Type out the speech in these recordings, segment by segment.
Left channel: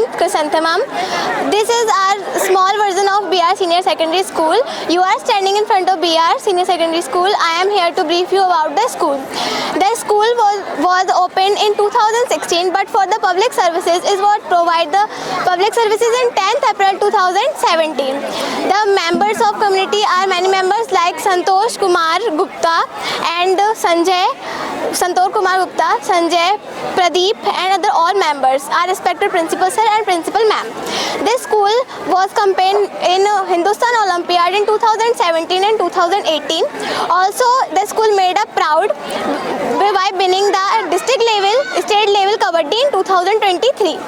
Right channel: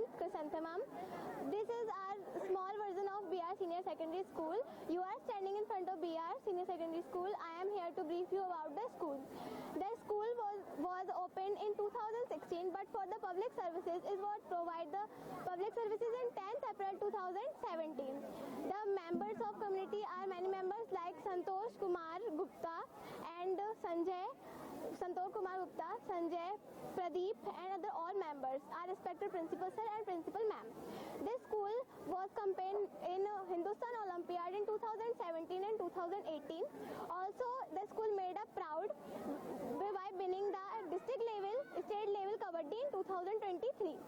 Chrysanthemum. This is our small version of BR Senior Secondary School. You are standing in front of BR Senior Secondary School. I am here to brief you about the school. The school was opened in 2016, but for the public services is what provide the public services in 10th April 2017. The members of community are many members like Santosh Kumar Gupta and Santosh Kumar Gupta, Sanjay, Pradeep and other all members are respected principal sir and principal ma'am. This school was campaigned in Hindustan Olympiad in 2017 and 2018. Also, the school made us proud by winning the district level, state level kabaddi in 2023.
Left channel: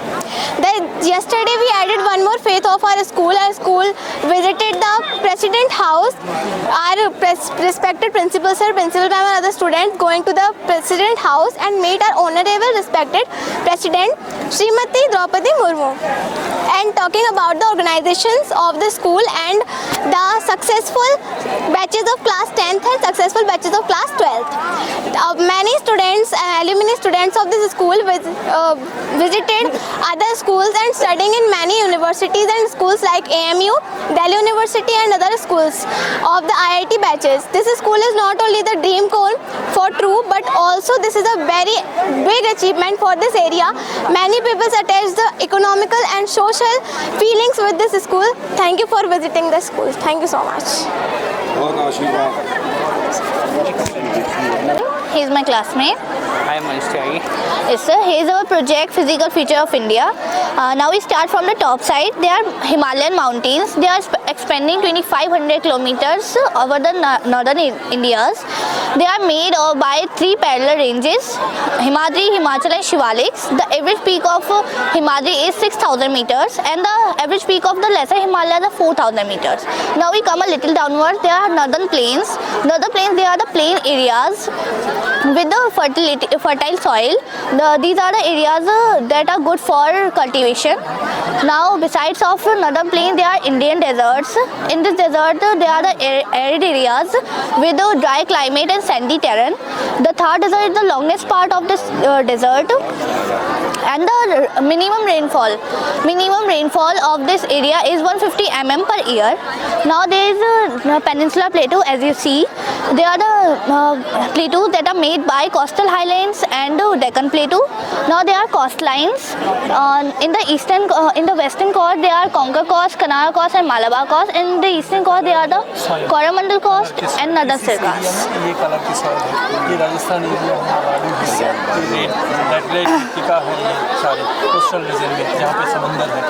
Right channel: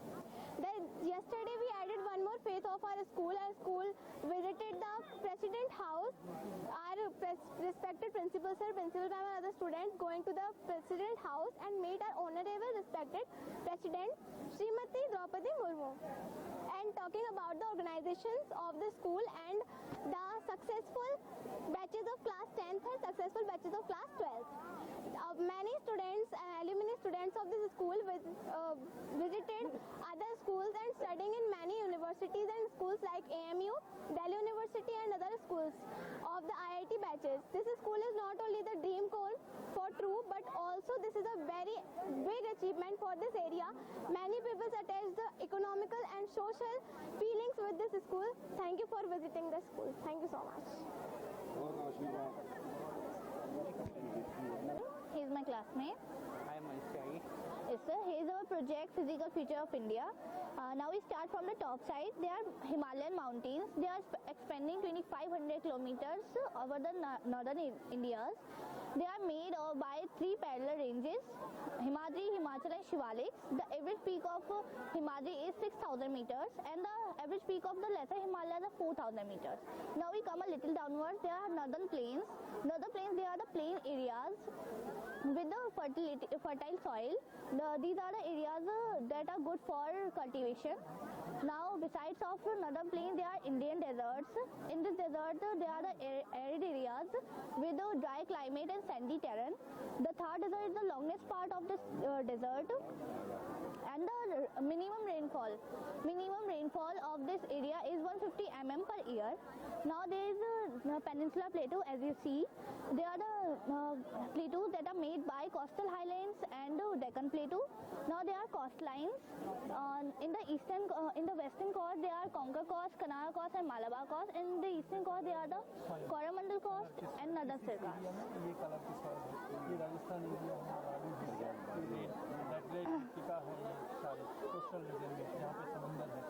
Yesterday we added one more phase of our school. Our school visited the President House. Our respected principal sir, principal ma'am and other students going to the President House and meet our honorable respected President Srimati Draupadi Murmu. And talking about the organizations of the school and the successful batches of class 10th and successful batches of class 12th. Many students, alumni students of this school visited other schools and studying in many universities and schools like AMU, Delhi University and other schools of the IIT batches. This school is not only the dream cone for true, but also this is a very big achievement for this area. Many people attach the economical and social feelings with this school. Thank you for visiting the school. Thank you so much. He is my classmate. I am Manish Tyagi. Yes, sir. Here is our project, Physical Feature of India. Now we start from the top side. They are Himalayan mountains. They are expanding 2,500 kilometers over the northern Indias. They are made by 3 parallel ranges, Himadri, Himachal and Shivaliks. The average peak of Himadri is 6,000 meters and the average peak of the lesser Himalayas are 4,000 meters. Now we come a little downward. There are northern plains. Northern plains, they are the plain areas with the fertile soil. These are the areas that are good for cultivation. Now besides of northern plain, there are Indian deserts. In this desert, there are the arid areas with a dry climate and sandy terrain. The Thar desert is the longest part of this desert. And the minimum rainfall of this area is 150 mm per year. Now there is a peninsula plateau, as you see. They are the plateaus that are made by coastal highlands and Deccan Plateau. Now there are coastlines. In the western coast, there are Konkan Coast, Kanara Coast and Malabar Coast. In the eastern coast, there are the Coromandel Coast and Northern Sirkas. Coastal region में जहाँ पे समंदर है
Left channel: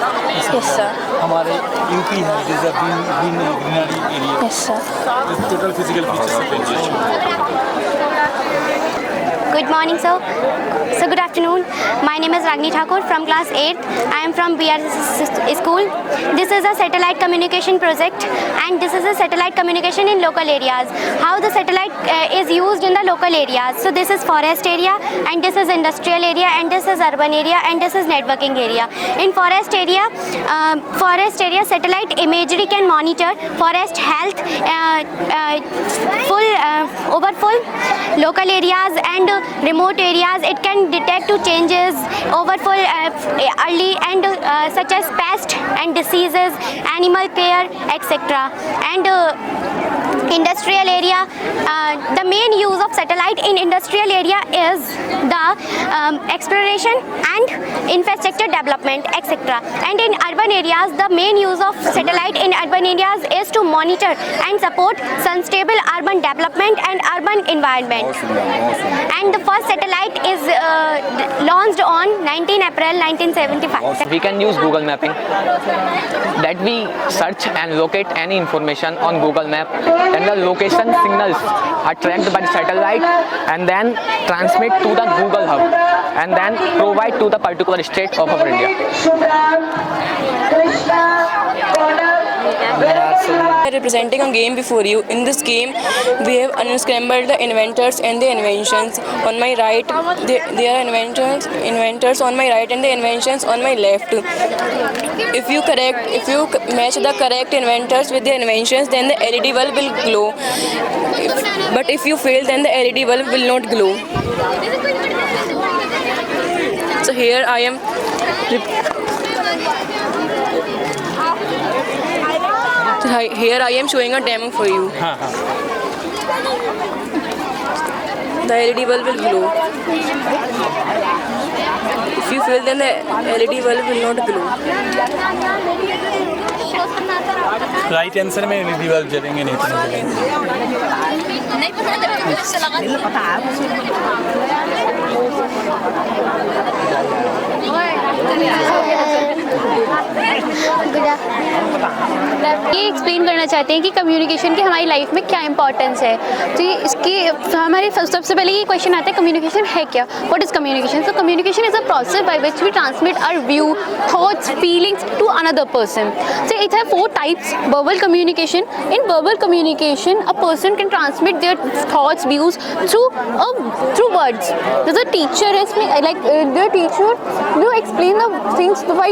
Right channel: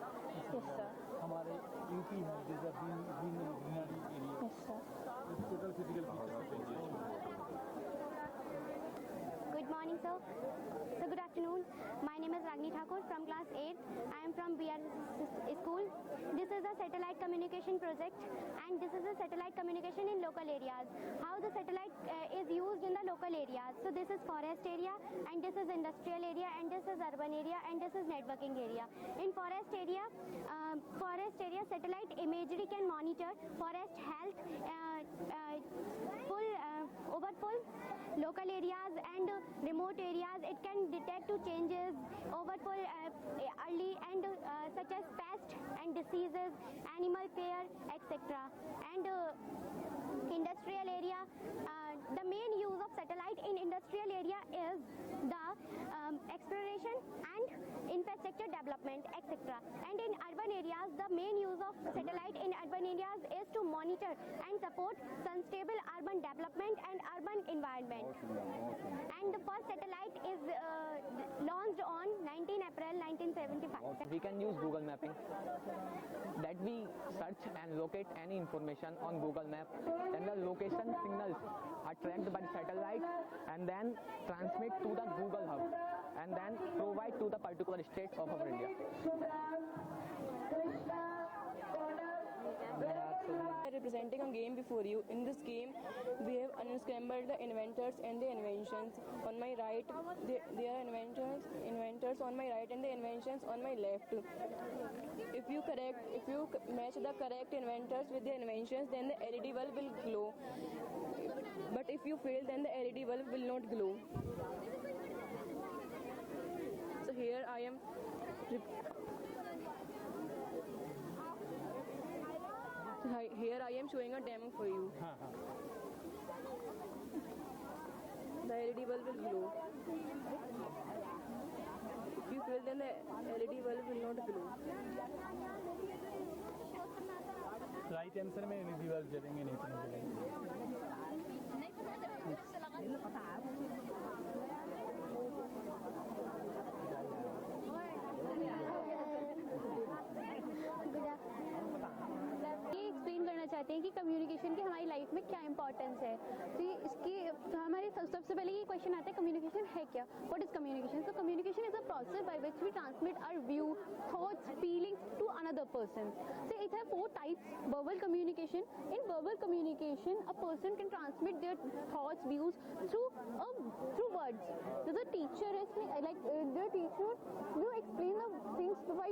हमारे UP है greenery area total physical features Good morning, sir. So good afternoon. My name is Ragni Thakur from class 8th. I am from BR school. This is a satellite communication project and this is a satellite communication in local areas. How the satellite is used in the local areas. So this is forest area and this is industrial area and this is urban area and this is networking area. In forest area satellite imagery can monitor forest health, overfull local areas and remote areas. It can detect to changes overfull early and such as pest and diseases, animal care, etc. And industrial area, the main use of satellite in industrial area is the exploration and infrastructure development, etc. And in urban areas, the main use of satellite in urban areas is to monitor and support sustainable urban development and urban environment. And the first satellite is launched on 19 April 1975. We can use Google mapping, that we search and locate any information on Google map. Then the location signals are tracked by the satellite and then transmit to the Google hub and then provide to the particular state of our India. Representing a game before you. In this game, we have unscrambled the inventors and the inventions. On my right, there are inventors on my right and the inventions on my left. If you match the correct inventors with the inventions, then the LED bulb will glow. But if you fail, then the LED bulb will not glow. So here I am here I am showing a demo for you. हाँ हाँ The LED bulb will glow. If you fail, then the LED bulb will not glow. Right answer में LED bulb जलेंगे नहीं तो नहीं जलेंगे। ये explain करना चाहते हैं कि कम्युनिकेशन की हमारी लाइफ में क्या इंपॉर्टेंस है। तो ये इसकी हमारे सबसे पहले ये क्वेश्चन आता है कम्युनिकेशन है क्या, what is communication. So communication is a process by which we transmit our view, thoughts, feelings to another person. So it has 4 types. Verbal communication. In verbal communication, a person can transmit their thoughts, views through words. There's a teacher their teacher will explain the things by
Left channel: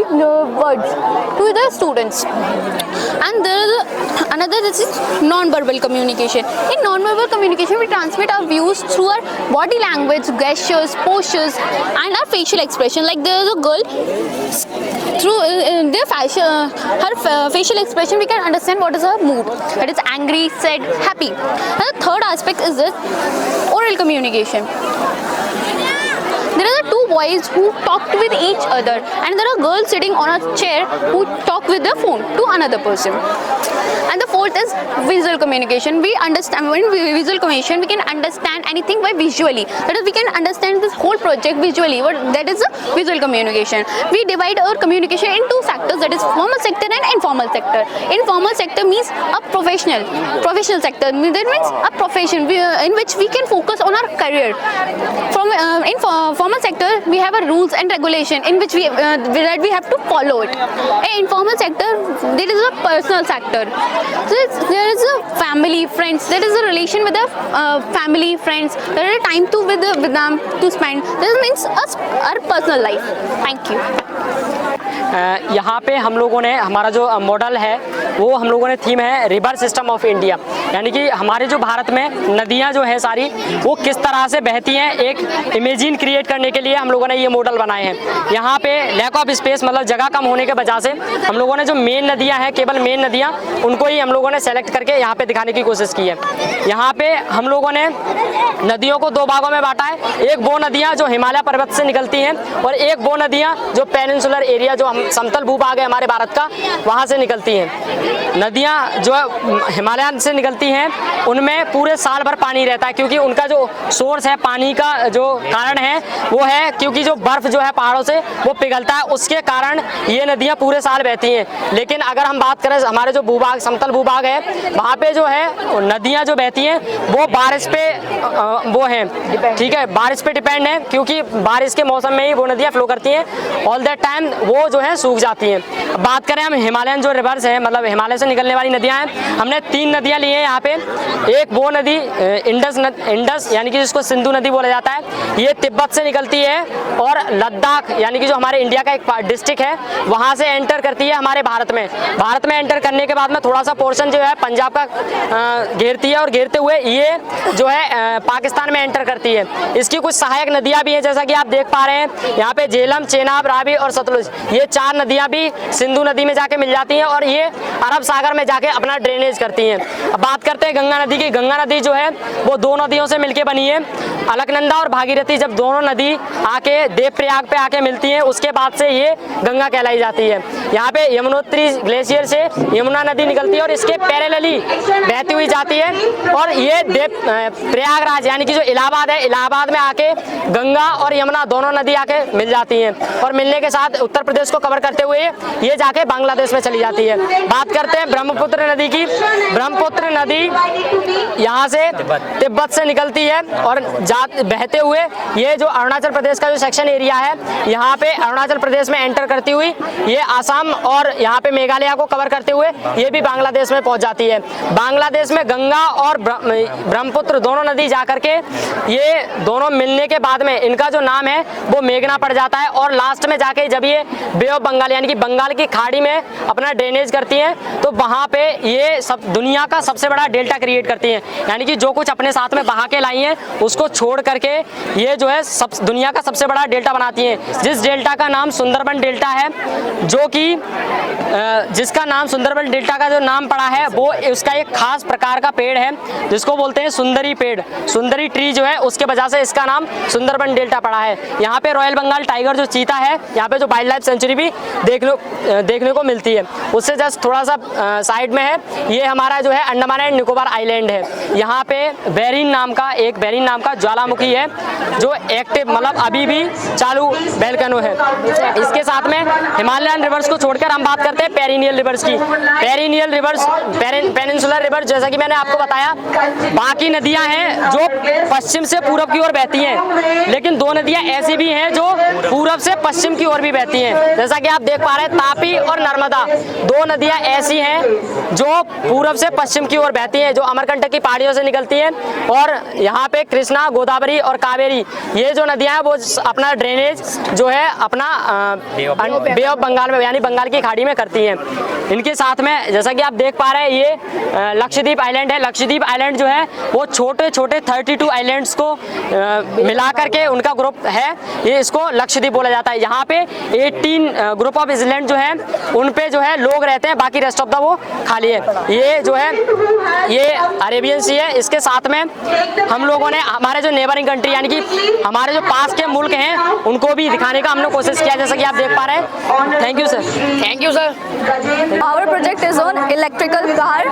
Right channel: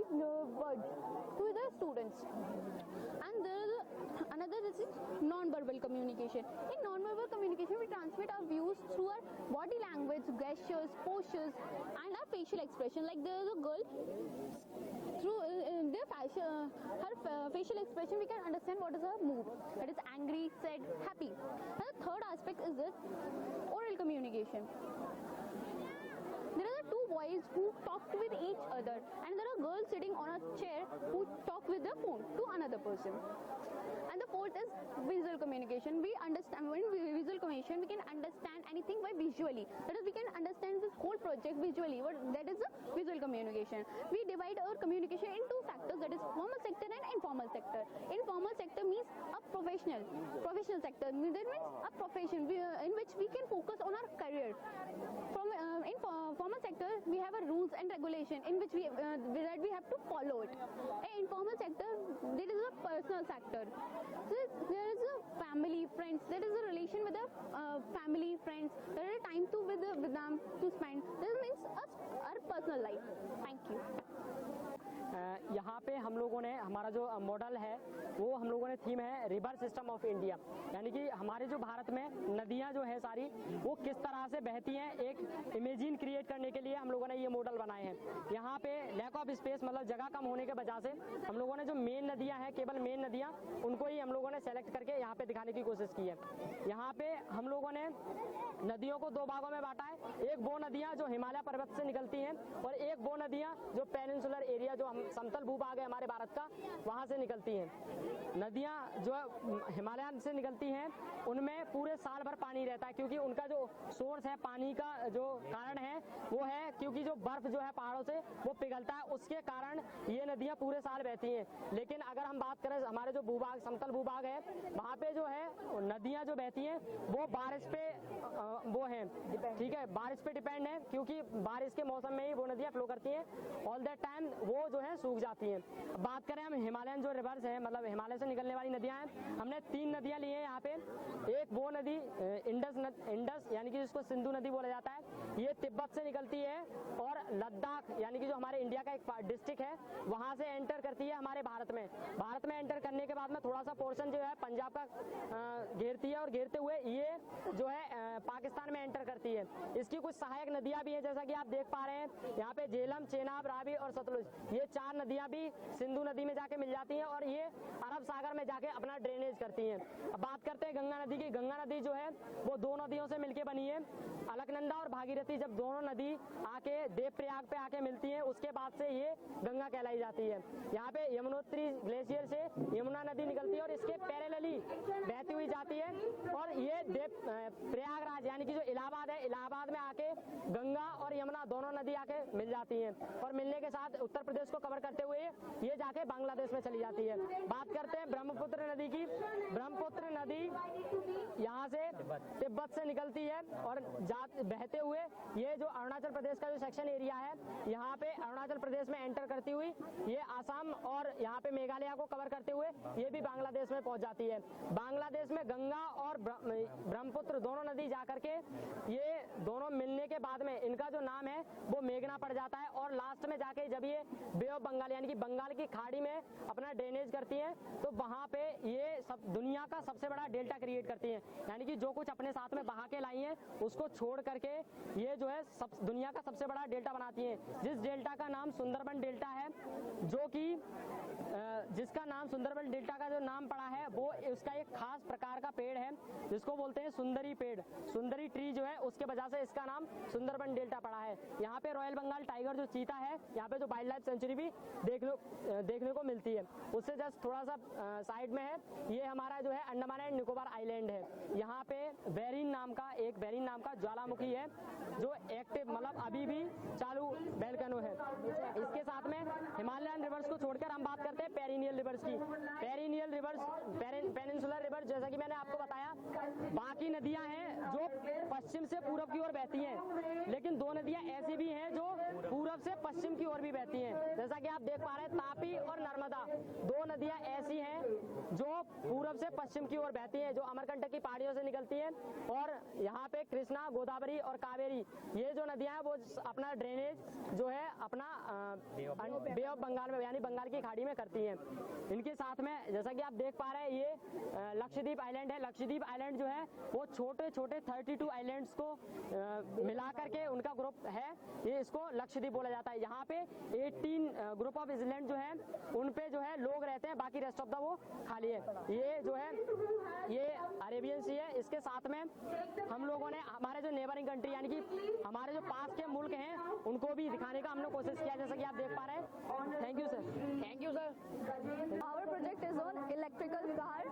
words to the students. And there is another, this is non-verbal communication. In non-verbal communication, we transmit our views through our body language, gestures, postures, and our facial expression. Like there is a girl, through their her facial expression, we can understand what is her mood. That is angry, sad, happy. And the third aspect is this oral communication. There are 2 boys who talked with each other, and there are girls sitting on a chair who talk with their phone to another person. And the fourth is visual communication. We understand, when visual communication, we can understand anything by visually. That is, we can understand this whole project visually. That is a visual communication. We divide our communication in 2 sectors, that is formal sector and informal sector. Informal sector means a professional sector. That means a profession in which we can focus on our career. In formal sector, we have a rules and regulation in which we have to follow it. In informal sector, there is a personal sector. So there is a family, friends. There is a relation with the family, friends. There is a time with them to spend. This means our personal life. Thank you. यहाँ पे हम लोगों ने हमारा जो model है वो हम लोगों ने थीम है रिवर सिस्टम ऑफ इंडिया, यानी कि हमारे जो भारत में नदियाँ जो है सारी वो किस तरह से बहती हैं, एक इमेजिन क्रिएट करने के लिए हम लोगों ने ये मॉडल बनाए हैं। यहाँ पे लैक ऑफ स्पेस मतलब जगह कम होने के वजह से हम लोगों ने जो मेन नदियाँ हैं, केवल मेन नदियाँ, उनको ही हम लोगों ने सेलेक्ट करके यहाँ पे दिखाने की कोशिश की है। यहाँ पे हम लोगों ने नदियों को 2 भागों में बांटा है। एक वो नदियाँ जो हिमालय पर्वत से निकलती हैं और एक वो नदियाँ जो पेनिनसुलर एरिया जो समतल भूभाग है हमारे भारत का वहाँ से निकलती हैं। नदियाँ जो हिमालय से निकलती हैं उनमें पूरे साल भर पानी रहता है, क्योंकि उनका जो सोर्स है पानी का जो कारण है वो है क्योंकि जो बर्फ़ जो है पहाड़ों से वो पिघलता है, उसके कारण ये नदियाँ पूरे साल बहती हैं। लेकिन अगर हम बात करें हमारे जो भूभाग समतल भूभाग है वहाँ पे जो है नदियाँ जो बहती हैं वो बारिश पे वो हैं, ठीक है, बारिश पे डिपेंड है, क्योंकि बारिश के मौसम में ही वो नदियाँ फ्लो करती हैं। ऑल दैट टाइम वो जो है सूख जाती हैं। बात करें हम हिमालयन जो रिवर्स हैं, मतलब हिमालय से निकलने वाली नदियाँ हैं, हमने 3 नदियाँ ली हैं यहाँ पे। एक वो नदी इंडस यानी कि जिसको सिंधु नदी बोला जाता है, ये तिब्बत से निकलती है और लद्दाख यानी कि जो हमारे इंडिया का एक डिस्ट्रिक्ट है वहाँ से एंटर करती है हमारे भारत में। भारत में एंटर करने के बाद में थोड़ा सा पोर्शन जो है पंजाब का घेरती है और घेरते हुए ये जो है पाकिस्तान में एंटर करती है। इसकी कुछ सहायक नदियाँ भी हैं, जैसा कि आप देख पा रहे हैं यहाँ पे झेलम, चेनाब, रावी और सतलुज, ये 4 नदियाँ भी सिंधु नदी में जाके मिल जाती हैं और ये अरब सागर में जाके अपना ड्रेनेज करती हैं। अब बात करते हैं गंगा नदी की। गंगा नदी जो है वो 2 नदियों से मिलके बनी है, अलकनंदा और भागीरथी। जब दोनों नदी आके देवप्रयाग पे आके मिलती हैं उसके बाद से ये गंगा कहलाई जाती है। यहाँ पे यमुनोत्री ग्लेशियर से यमुना नदी निकलती है और इसके पैरेलली बहती हुई जाती है और ये प्रयागराज यानी कि जो इलाहाबाद है, इलाहाबाद में आके गंगा और यमुना दोनों नदी आके मिल जाती हैं और मिलने के साथ उत्तर प्रदेश को कवर करते हुए ये जाके बांग्लादेश में चली जाती है। बात करते हैं ब्रह्मपुत्र नदी की। ब्रह्मपुत्र नदी यहाँ से तिब्बत से निकलती है और बहते हुए ये जो अरुणाचल प्रदेश का जो सेक्शन एरिया है यहाँ पे अरुणाचल प्रदेश में एंटर करती हुई ये आसाम और यहाँ पे मेघालय को कवर करते हुए ये भी बांग्लादेश में पहुँच जाती है। बांग्लादेश में गंगा और ब्रह्मपुत्र दोनों नदी जाकर के ये दोनों मिलने के बाद में इनका जो नाम है वो मेघना पड़ जाता है और लास्ट में जाके जब ये बे ऑफ बंगाल यानी कि बंगाल की खाड़ी में अपना ड्रेनेज करती हैं तो वहाँ पे ये सब दुनिया का सबसे बड़ा डेल्टा क्रिएट करती हैं। यानी कि जो कुछ अपने साथ में बहा के लाई हैं उसको छोड़ करके ये जो है दुनिया का सबसे बड़ा डेल्टा बनाती हैं। जिस डेल्टा का नाम सुंदरबन डेल्टा है, जो कि जिसका नाम सुंदरबन डेल्टा का जो नाम पड़ा है वो उसका एक खास प्रकार का पेड़ है जिसको बोलते हैं सुंदरी पेड़, सुंदरी ट्री जो है, उसके वजह से इसका नाम सुंदरबन डेल्टा पड़ा है। यहाँ पे रॉयल बंगाल टाइगर जो चीता है, यहाँ पे जो वाइल्ड लाइफ सेंचुरी भी देखने को मिलती है। उससे जस्ट थोड़ा सा साइड में है ये हमारा जो है अंडमान एंड निकोबार आइलैंड है। यहाँ पे बेरिन नाम का ज्वालामुखी है जो एक्टिव मतलब अभी भी चालू वोल्केनो है। इसके साथ में हिमालयन रिवर्स को छोड़कर हम बात करते हैं पेरिनियल रिवर्स की। पेरिनियल रिवर्स, पेनिनसुलर रिवर, जैसा कि मैंने आपको बताया, बाकी नदियां हैं जो पश्चिम से पूरब की ओर बहती हैं, लेकिन दो नदियां ऐसी भी हैं जो पूरब से पश्चिम की ओर भी बहती हैं। जैसा कि आप देख पा रहे हैं तापी और नर्मदा, दो नदियां ऐसी हैं जो पूरब से पश्चिम की ओर बहती हैं, जो अमरकंटक की पहाड़ियों से निकलती हैं। और यहाँ पे कृष्णा, गोदावरी और कावेरी, ये जो नदियां हैं वो अपना ड्रेनेज जो है अपना बे ऑफ बंगाल में यानी बंगाल की खाड़ी में करती हैं। इनके साथ में जैसा कि आप देख पा रहे हैं ये लक्षद्वीप आइलैंड है। लक्षद्वीप आइलैंड जो है वो छोटे छोटे 32 आइलैंड्स को मिला करके उनका ग्रुप है, ये इसको लक्षद्वीप बोला जाता है। यहाँ पे 18 ग्रुप ऑफ आइलैंड जो है उन पे जो है लोग रहते हैं, बाकी रेस्ट ऑफ द वो खाली है। ये जो है ये अरेबियन सी है। इसके साथ में हम लोगों ने हमारे जो नेबरिंग कंट्री यानी कि हमारे जो पास के मुल्क हैं उनको भी दिखाने का हमने कोशिश किया, जैसा कि आप देख पा रहे हैं। Thank you sir. Thank you sir. Our project is on electrical car.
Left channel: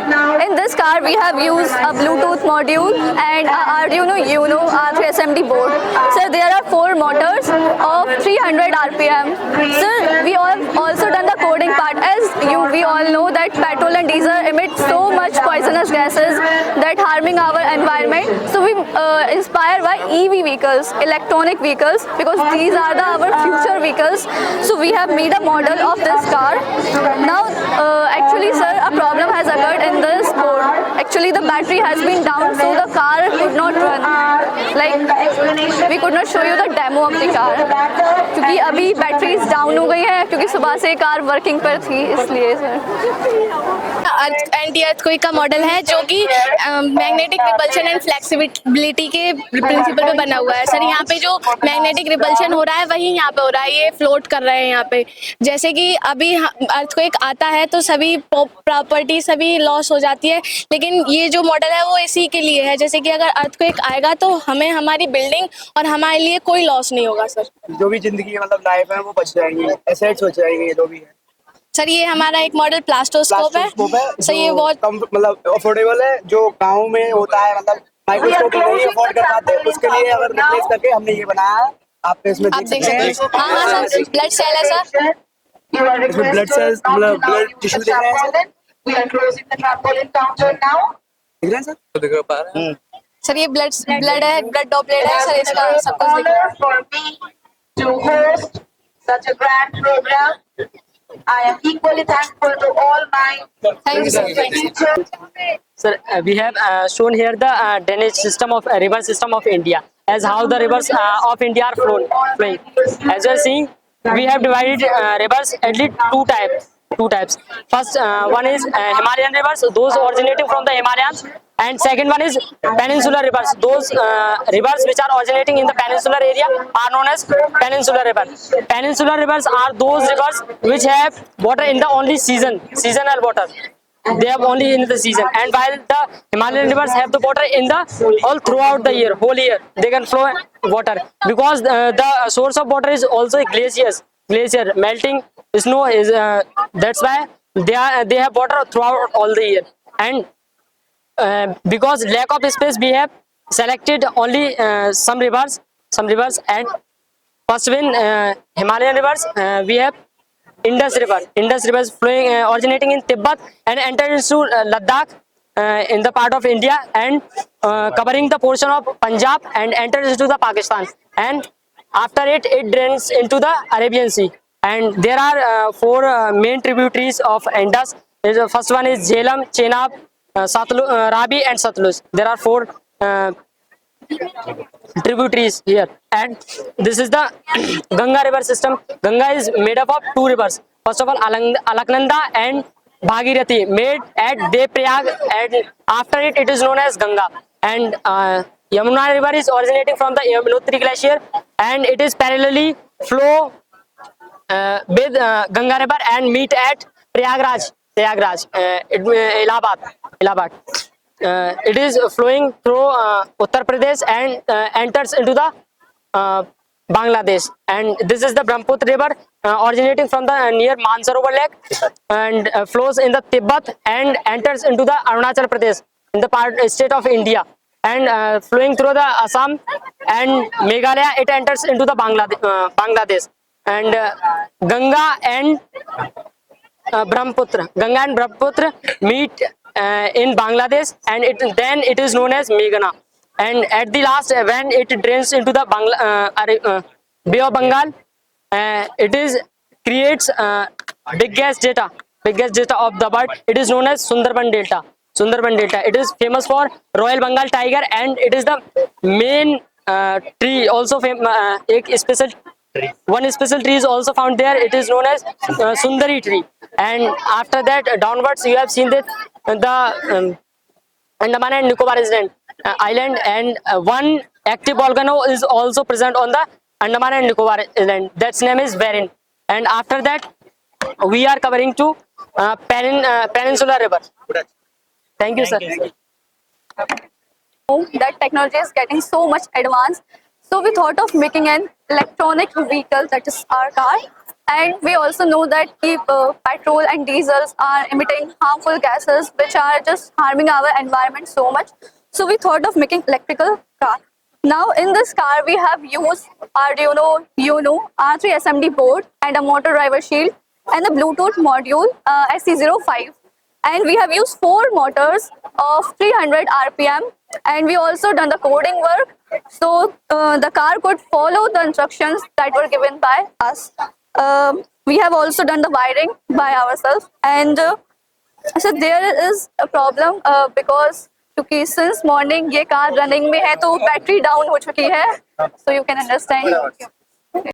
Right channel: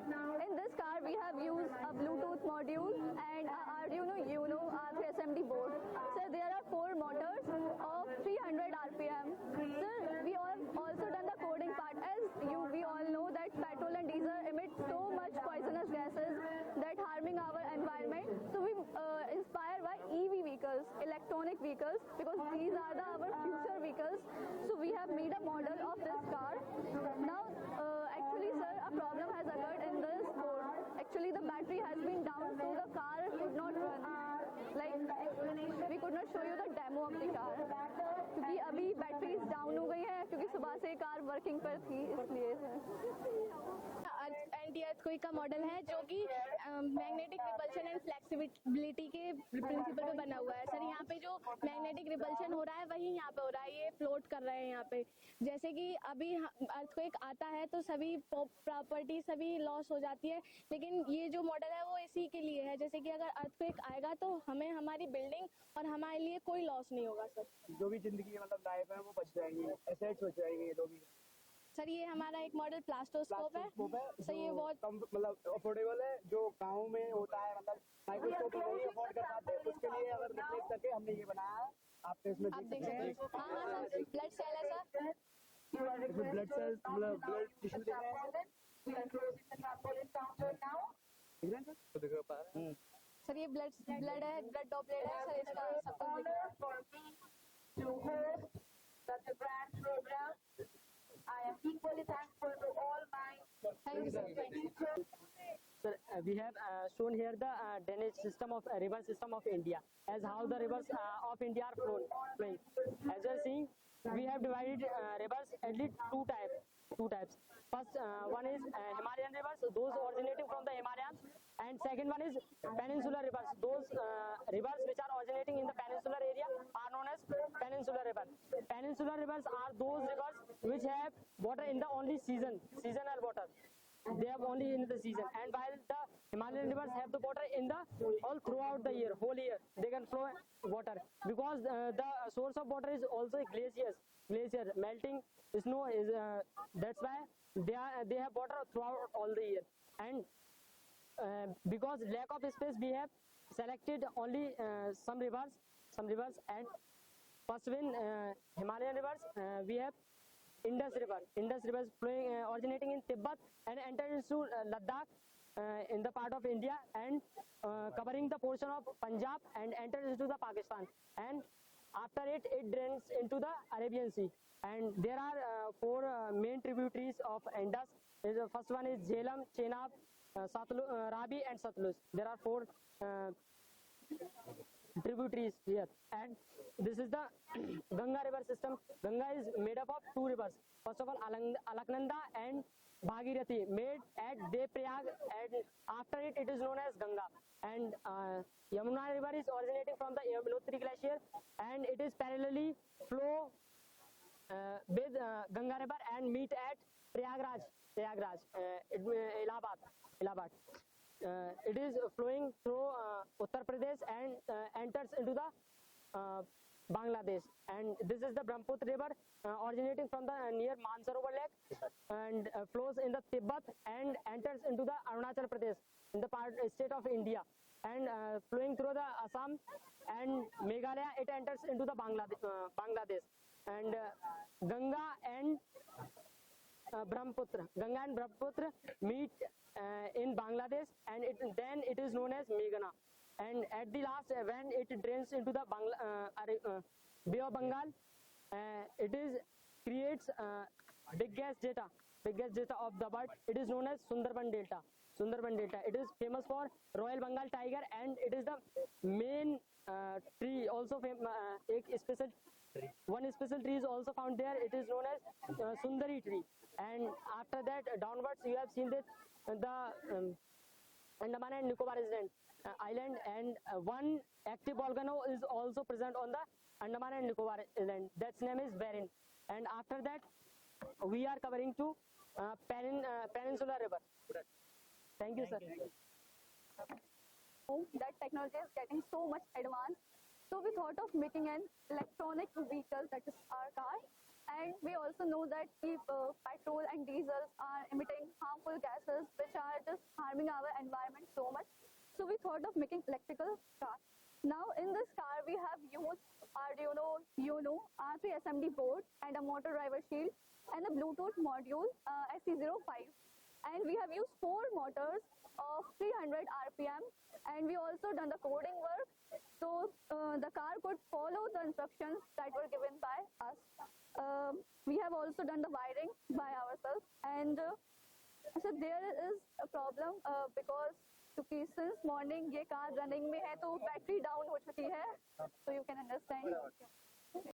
In this car we have used a Bluetooth module and a Arduino Uno R3SMD board. Sir, there are 4 motors of 300 RPM. Sir, we have also done the coding part. As we all know that petrol and diesel emit so much poisonous gases that harming our environment. So we inspired by EV vehicles, electronic vehicles, because these are our future vehicles. So we have made a model of this car. Now actually sir, a problem has occurred in this board. Actually the battery has been down, so the car could not run. Like we could not show you the demo of the car क्योंकि अभी batteries down हो गई है, क्योंकि सुबह से car working पर थी, इसलिए सर। एंटी अर्थक्वेक का मॉडल है जो कि मैग्नेटिक रिपल्शन एंड फ्लेक्सिबिलिटी के प्रिंसिपल पे बना हुआ है। सर यहाँ पे जो मैग्नेटिक रिपल्शन हो रहा है वही यहाँ पे हो रहा है, ये फ्लोट कर रहे हैं यहाँ पे। जैसे कि अभी अर्थक्वेक आता है तो सभी प्रॉपर्टी सभी लॉस हो जाती है, लेकिन ये जो मॉडल है वो इसी के लिए है। जैसे कि अगर अर्थक्वेक आएगा तो हमें हमारी बिल्डिंग और हमारे लिए कोई लॉस नहीं होगा सर। जो भी जिंदगी मतलब लाइफ है वो बच जाएंगे, एसेट्स बच जाएंगे जो भी है। सर ये हमारा एक मॉडल प्लास्टोस्कोप है। सर ये बहुत कम मतलब अफोर्डेबल है, जो गांव में होता है मतलब माइक्रोस्कोप नहीं अफोर्ड कर पाते, उसके लिए अगर रिप्लेस करके हमने ये बनाया है। आप इसमें देख सकते हैं। हाँ सर, ब्लड सेल है सर। इसमें ब्लड सेल्स मतलब ब्लड टिश्यू दिख रहे हैं सर। दिख रहे हैं सर? दिख पा रहे हैं सर ये ब्लड है, ब्लड डॉपलेट है सर, इसका सब कुछ दिख रहा है। To host such a grand program, I am equally thankful to all my Thank you, sir. teachers. Sir, we have shown here the drainage system of river system of India, as how the rivers of India are flowing. As you are seeing, we have divided rivers at least two types. First one is Himalayan rivers, those originating from the Himalayas, and second one is peninsular rivers. Those rivers which are originating in the peninsular area are known as peninsular rivers. Peninsular rivers are those rivers which have water in the only seasonal water. They have only in the season, and while the Himalayan rivers have the water in the all throughout the year, whole year they can flow water, because the source of water is also glacier melting snow is that's why they have water throughout all the year. And because lack of space, we have selected only some rivers, and first in Himalayan rivers we have Indus River is flowing originating in Tibet and entered into Ladakh in the part of India, and covering the portion of Punjab and enters into the Pakistan, and after it drains into the Arabian Sea. And there are 4 main tributaries of Indus. The first one is Jhelum, Chenab, Ravi and Satluj. There are 4 tributaries here, and this is the Ganga river system. Ganga is made up of 2 rivers. First of all, Alaknanda and Bhagirathi, made at Devrayag, and after it, it is known as Ganga. And Yamuna river is originating from the Yamunotri glacier, and it is parallelly flow with Ganga river and meet at Prayagraj, Allahabad. It is flowing through Uttar Pradesh and enters into the Bangladesh. And this is the Brahmaputra river originating from the near Mansarovar lake and flows in the Tibet and enters into the Arunachal Pradesh in the state of India. And flowing through the Assam and Meghalaya, it enters into the Bangladesh. And Ganga and Brahmaputra meet in Bangladesh, and then it is known as Meghna. And at the last, when it drains into the Bay of Bengal, it creates biggest delta of the bird. It is known as Sundarban Delta. It is famous for Royal Bengal tiger, and it is the main tree. Also, one special tree is also found there. It is known as Sundari tree. And after that, downwards, you have seen that the Andaman and Nicobar island, and one active volcano is also present on the Andaman and Nicobar island. That's name is Verin. And after that, we are covering to Peninsular River. Thank you, sir. That technology is getting so much advanced. So we thought of making an electronic vehicle, that is our car. And we also know that petrol and diesels are emitting harmful gases which are just harming our environment so much. So we thought of making electrical car. Now in this car we have used Arduino Uno R3 SMD board and a motor driver shield and the Bluetooth module SC05. And we have used 4 motors of 300 RPM, and we also done the coding work so the car could follow the instructions that were given by us. We have also done the wiring by ourselves, and so there is a problem because क्योंकि since morning ये car running में है तो battery down हो चुकी है, so you can understand.